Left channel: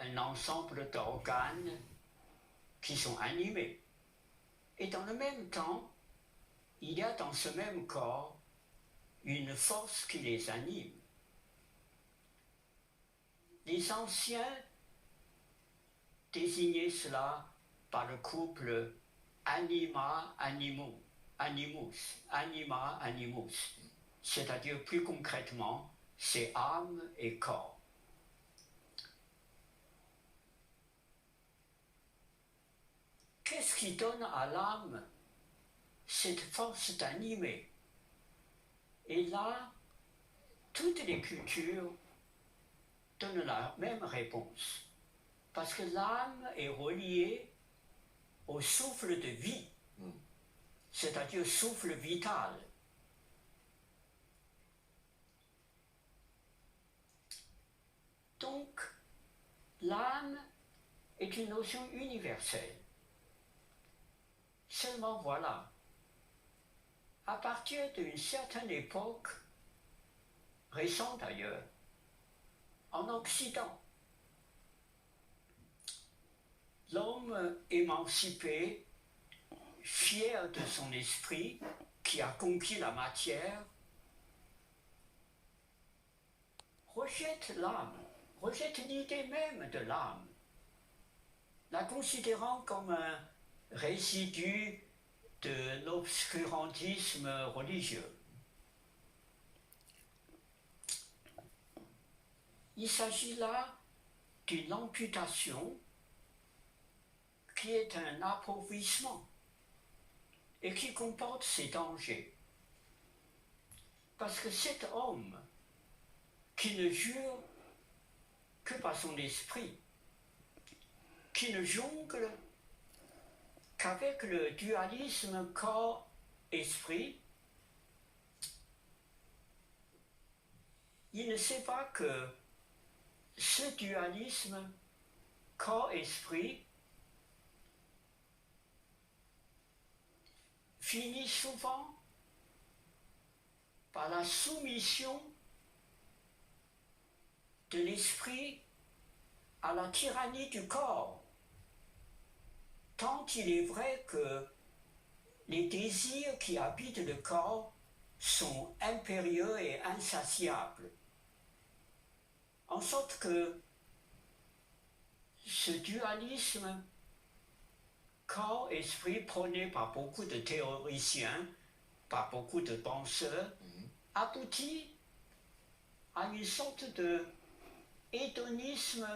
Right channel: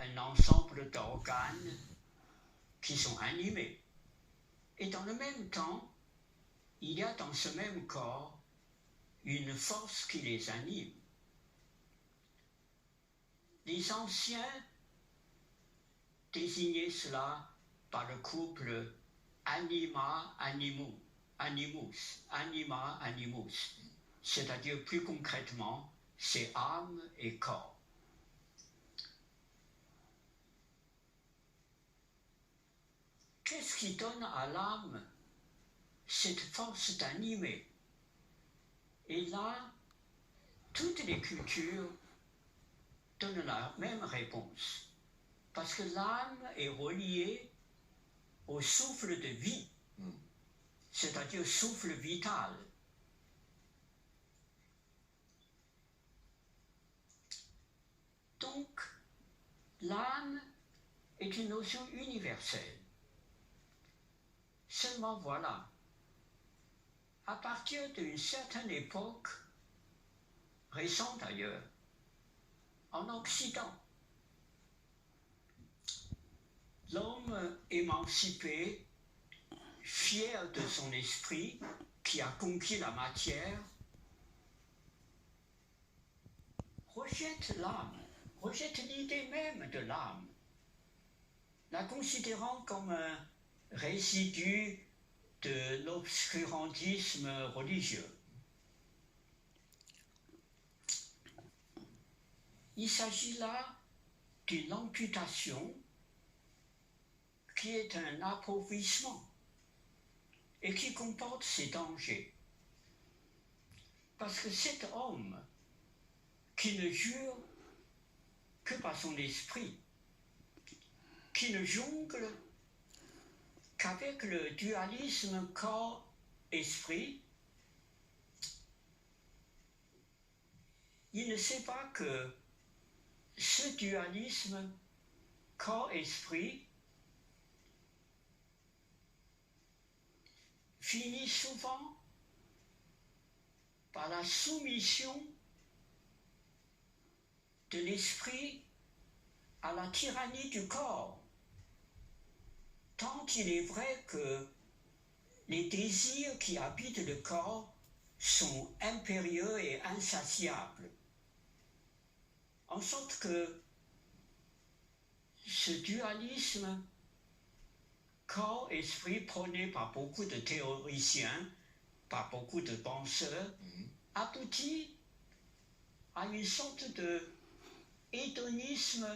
un ensemble d'organes qui sont animés. Et dans le même temps, il y a dans ce même corps une force qui les anime. Les anciens désignaient cela par le couple anima-animus, anima-animus, c'est-à-dire plus concrètement, c'est âme et corps. Qu'est-ce qui donne à l'âme cette force d'animer? Et là, toutes les cultures donnent la même réponse. Parce que l'âme est reliée au souffle de vie, c'est-à-dire souffle vital. Donc, l'âme est une notion universelle. Seulement voilà, à partir d'une certaine époque, récente d'ailleurs, en Occident, l'homme émancipé, fier de son esprit, qui a conquis la matière, rejette l'âme, rejette l'idée même de l'âme, la considérant comme un résidu de l'obscurantisme religieux. Il s'agit là d'une amputation qui est un appauvrissement et qui comporte ses dangers. Parce que cet homme qui ne jure que par son esprit, qui ne jongle qu'avec le dualisme corps-esprit, il ne sait pas que ce dualisme corps-esprit finit souvent par la soumission de l'esprit à la tyrannie du corps, tant il est vrai que les désirs qui habitent le corps sont impérieux et insatiables. En sorte que ce dualisme corps-esprit prôné par beaucoup de théoriciens, par beaucoup de penseurs, aboutit à une sorte de hédonisme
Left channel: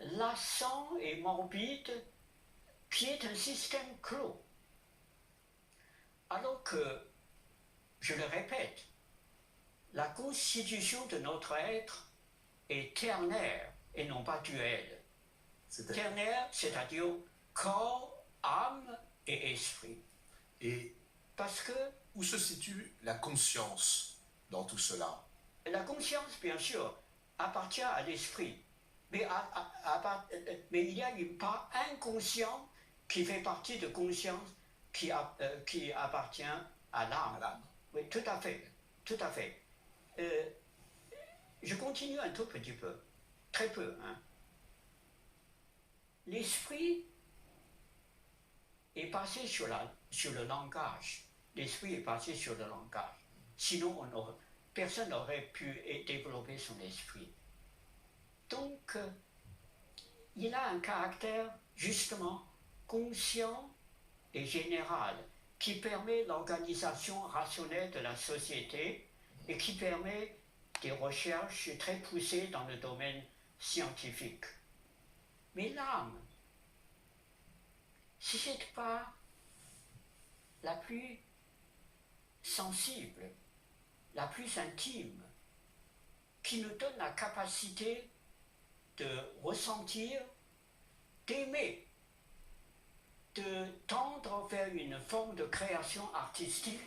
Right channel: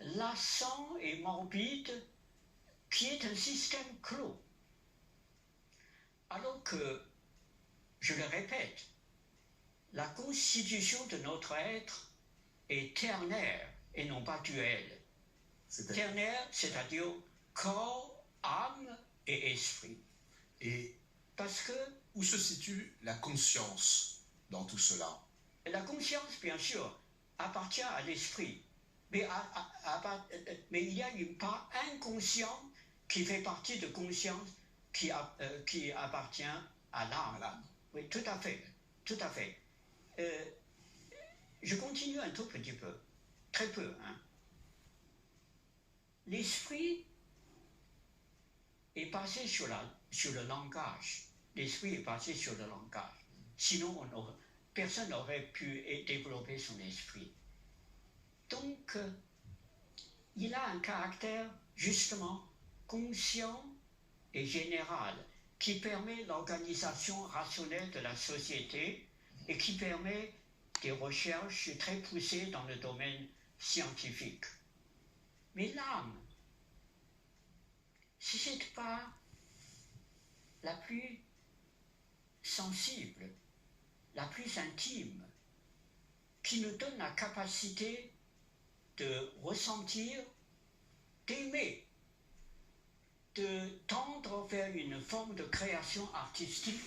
lassant et morbide qui est un système clos. Alors que, je le répète, la constitution de notre être est ternaire et non pas duelle. Ternaire, c'est-à-dire corps, âme et esprit. Et parce que où se situe la conscience dans tout cela? La conscience, bien sûr, appartient à l'esprit, mais il y a une part inconsciente qui fait partie de conscience qui appartient à l'âme. Oui, tout à fait, tout à fait. Je continue un tout petit peu, très peu. L'esprit est basé sur le langage. L'esprit est basé sur le langage. Sinon, personne n'aurait pu développer son esprit. Donc, il a un caractère justement conscient et général qui permet l'organisation rationnelle de la société et qui permet des recherches très poussées dans le domaine scientifique. Mais l'âme, c'est cette part la plus sensible, la plus intime, qui nous donne la capacité de ressentir, d'aimer, de tendre vers une forme de création artistique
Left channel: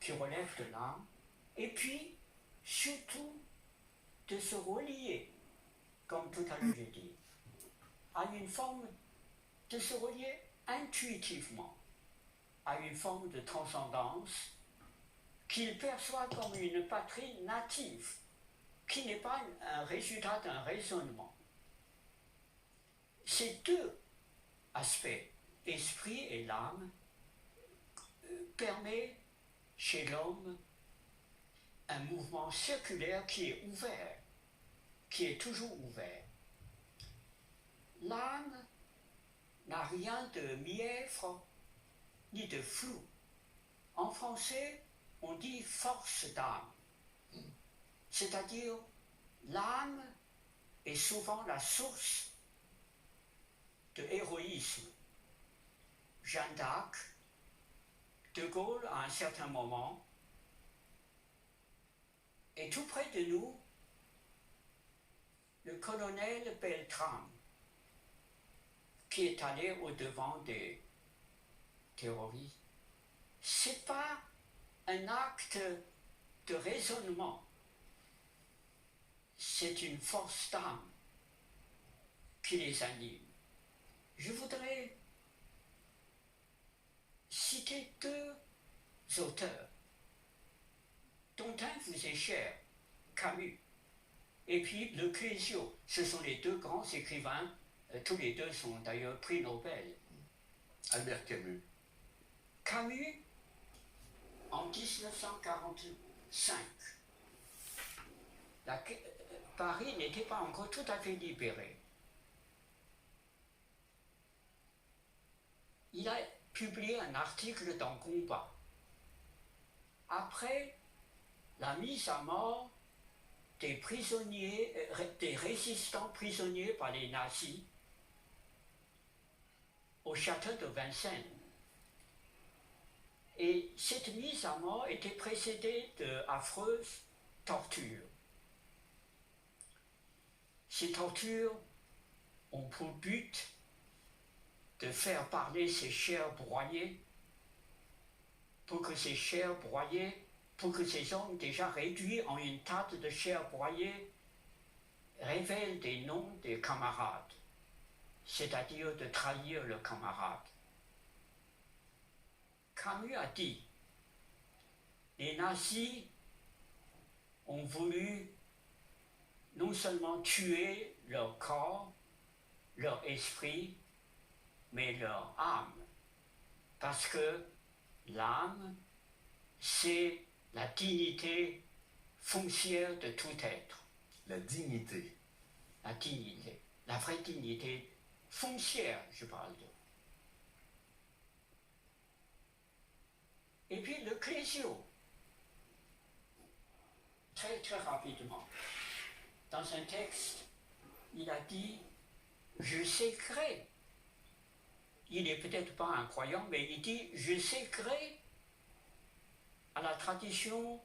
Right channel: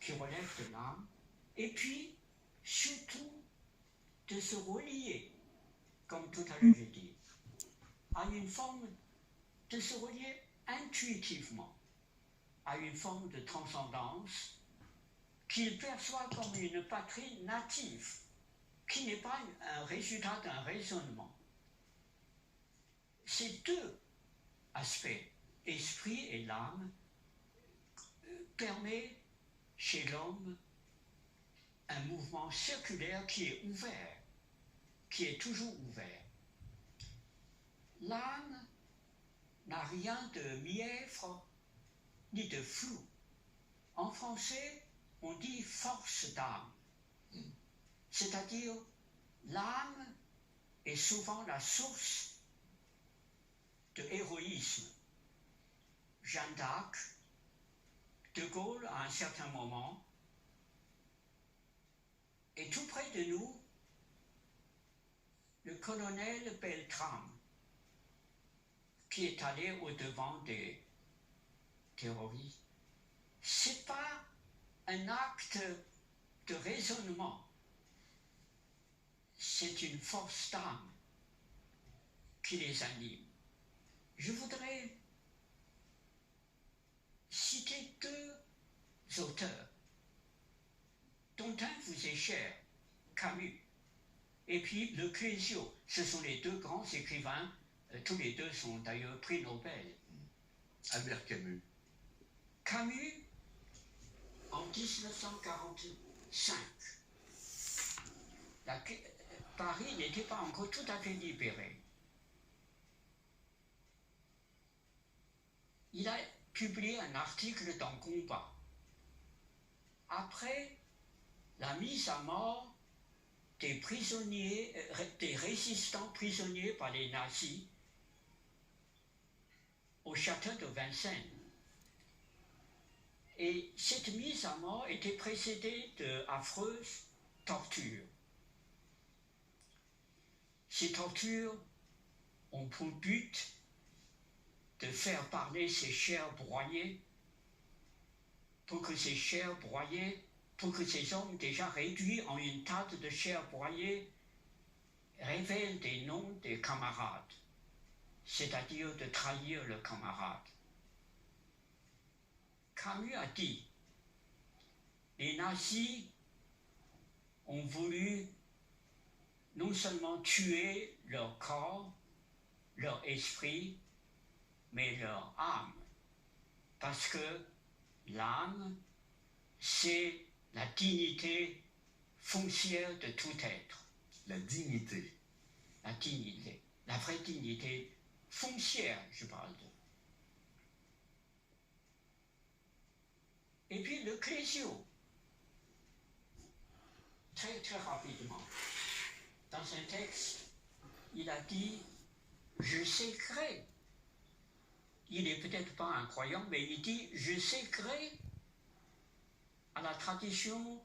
qui relève de l'âme, et puis surtout de se relier, comme tout à l'heure j'ai dit, à une forme de se relier intuitivement à une forme de transcendance qu'il perçoit comme une patrie native, qui n'est pas un résultat d'un raisonnement, ces deux aspects, esprit et l'âme, permet chez l'homme un mouvement circulaire qui est ouvert, qui est toujours ouvert. L'âme n'a rien de mièvre ni de flou. En français, on dit force d'âme, c'est-à-dire l'âme est souvent la source de héroïsme. Jeanne d'Arc, De Gaulle à un certain moment, et tout près de nous, le colonel Beltrame, qui est allé au-devant des terroristes. Ce n'est pas un acte de raisonnement, c'est une force d'âme qui les anime. Je voudrais citer deux auteurs, dont un vous est cher, Camus, et puis Le Clésio. Ce sont les deux grands écrivains, tous les deux sont d'ailleurs prix Nobel. Albert Camus. Camus, en 1945, Paris n'était pas encore tout à fait libéré. Il a publié un article dans Combat. Après la mise à mort des prisonniers, des résistants prisonniers par les nazis au château de Vincennes. Et cette mise à mort était précédée d'affreuses tortures. Ces tortures ont pour but de faire parler ces chairs broyées, pour que ces chairs broyées, pour que ces hommes déjà réduits en une tâte de chair broyée révèlent des noms des camarades, c'est-à-dire de trahir le camarade. Camus a dit, les nazis ont voulu non seulement tuer leur corps, leur esprit, mais leur âme, parce que l'âme, c'est la dignité foncière de tout être. La dignité. La dignité, la vraie dignité foncière, je parle de. Et puis le Clésio, très très rapidement, dans un texte, il a dit « Je sécrais ». Il n'est peut-être pas un croyant, mais il dit « Je sécrais à la tradition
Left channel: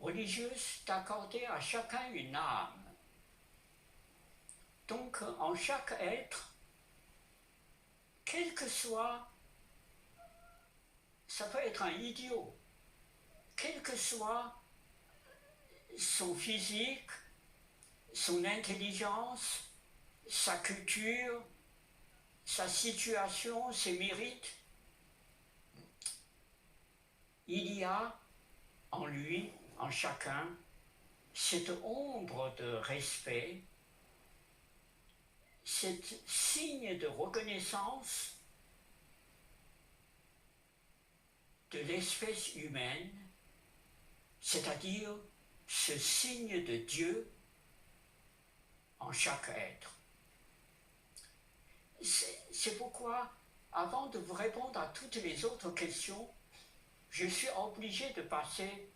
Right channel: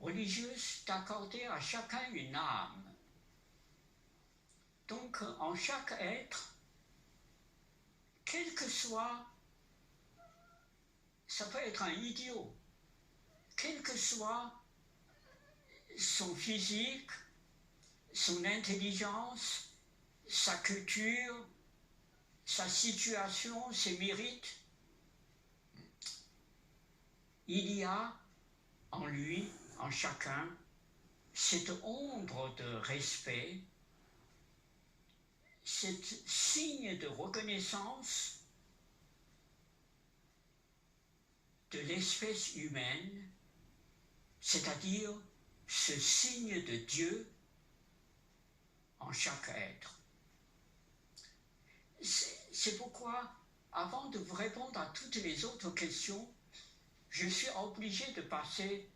religieuse d'accorder à chacun une âme ». Donc en chaque être, quel que soit, ça peut être un idiot, quel que soit son physique, son intelligence, sa culture, sa situation, ses mérites, il y a en lui, en chacun, cette ombre de respect, cet signe de reconnaissance de l'espèce humaine, c'est-à-dire ce signe de Dieu en chaque être. C'est pourquoi, avant de vous répondre à toutes les autres questions, je suis obligé de passer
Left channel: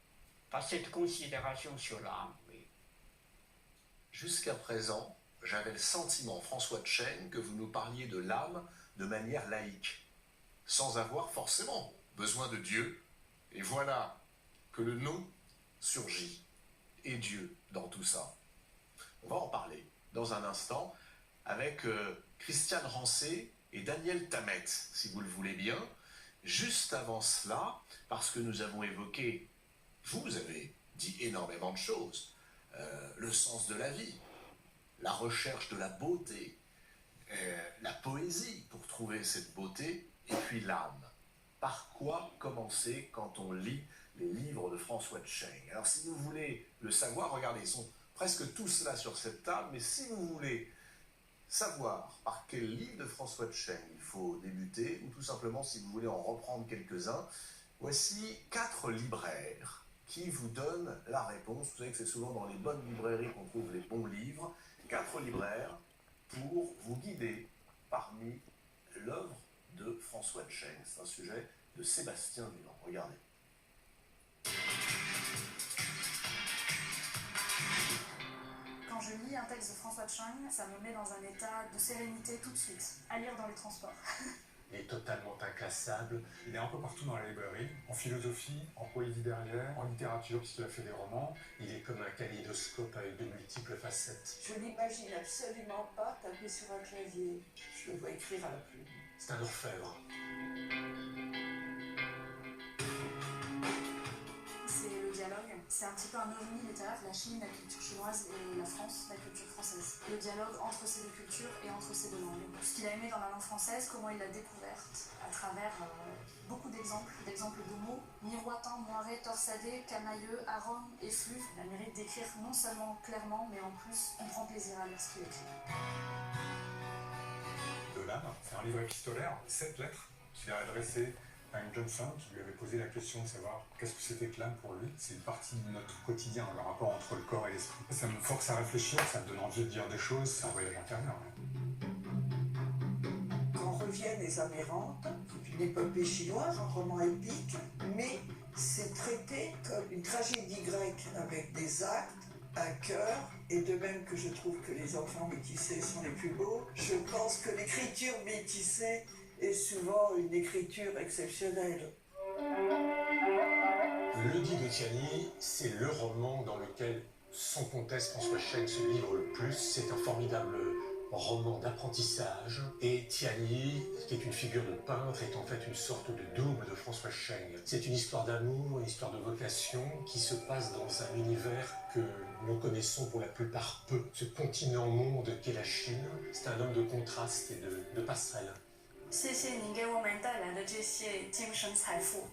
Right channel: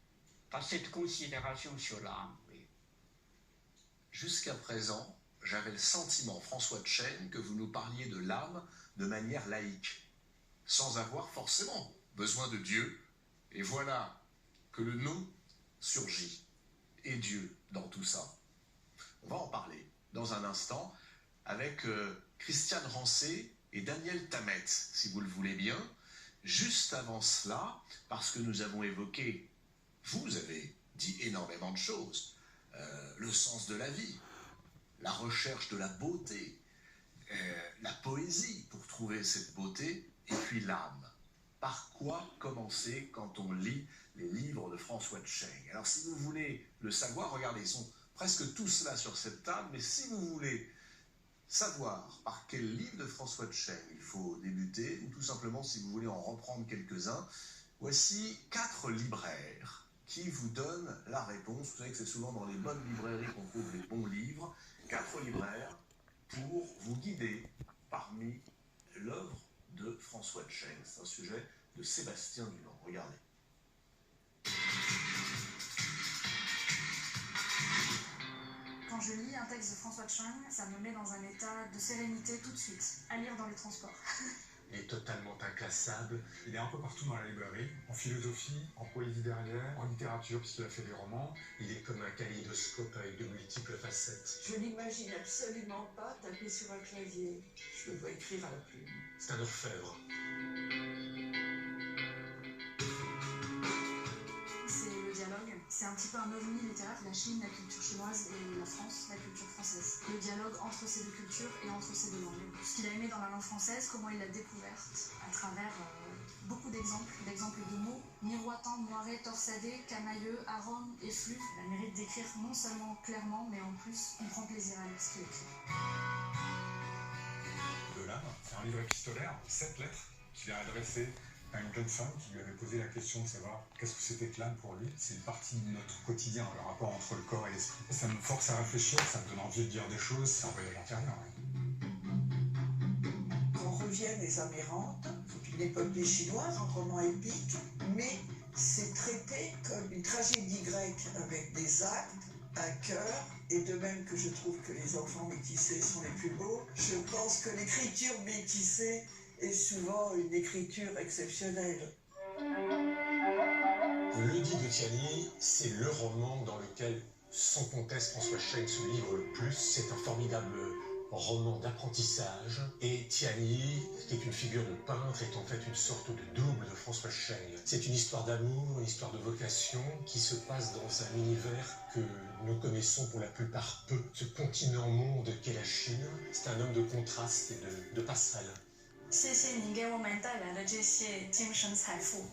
par cette considération sur l'âme. Oui. Jusqu'à présent, j'avais le sentiment, François de Chêne, que vous nous parliez de l'âme de manière laïque, sans avoir forcément besoin de Dieu. Et voilà que le nom surgit. Et Dieu dans tout ça. On va en parler dans un instant avec Christiane Rancé et Daniel Tammet, si vous le voulez bien. Juste avant cela, parce que nous avons évoqué, vous avez dit énormément de choses, le sens de la vie, la recherche de la beauté, la poésie pour trouver cette beauté, et puis l'âme. Par quoi commencer quand on lit les livres de François de Chêne? Alors si vous voulez le savoir, regardez, ils sont presque tous là sur cette table, mais si vous voulez savoir par quel livre de François de Chêne il faut débuter, ou tout simplement si vous voulez en reprendre quelques-uns, voici 4 libraires qui vous donnent la réponse. Vous savez que c'est souvent dans les bonnes librairies qu'on trouve les bons livres. 4 libraires pour vous guider parmi l'œuvre de François de Chêne. C'est un sujet de Sébastien Dunant. Regardez. Quand je lis un texte de François de Chêne, ça me met dans un état de sérénité tout de suite, à lire dans les transports. Il est totalement inclassable. Il est un peu partout dans la librairie, en philosophie, en poésie derrière, en littérature puisqu'il a fait des romans. Il est comme un kaléidoscope avec de multiples facettes. Je n'imagine absolument pas taper sur un clavier. Je le vois écrire à la plume. C'est un orfèvre. C'est le dialogue, c'est un petit peu un ovni littéraire, la Chine, la culture chinoise et la France, la culture française. Le dialogue entre ces deux cultures et entre ces deux langues. Ce qu'il a aimé dans la langue française, comment il l'a découverte à travers beaucoup d'exemples de mots miroitant, moiré, torsadé, camailleux, arôme, effluve. Il a le mérite d'écrire non seulement clairement, mais en plus on prend plaisir à lire ce qu'il écrit. De l'âme, c'est un livre épistolaire, 7 lettres qu'il a adressées à une jeune femme qui lui avait posé la question de savoir qu'est-ce que c'était que l'âme pour lui. C'est une partie de notre quotidien, le rapport entre le corps et l'esprit. Ça me force à réfléchir, ça me donne envie de dire des choses, c'est un voyage intérieur. Quand reviennent les Amérantes, c'est une épopée chinoise, un roman épique, mais c'est traité comme une tragédie grecque avec des actes, un cœur, et de même que je trouve que les enfants métissés sont les plus beaux, je pense que l'écriture métissée est souvent une écriture exceptionnelle. L'Odyssée de Tiany, c'est le roman dans lequel, sans conteste, François Chêne se livre le plus. C'est un formidable roman d'apprentissage. Et Tiany, qui est une figure de peintre, est en fait une sorte de double de François Chêne. C'est une histoire d'amour, une histoire de vocation qui se passe dans un univers que nous connaissons pour la plupart peu. Ce continent-monde qu'est la Chine, c'est un homme de contraste et de passerelle. 谢谢您给我们带来的这些精神财富。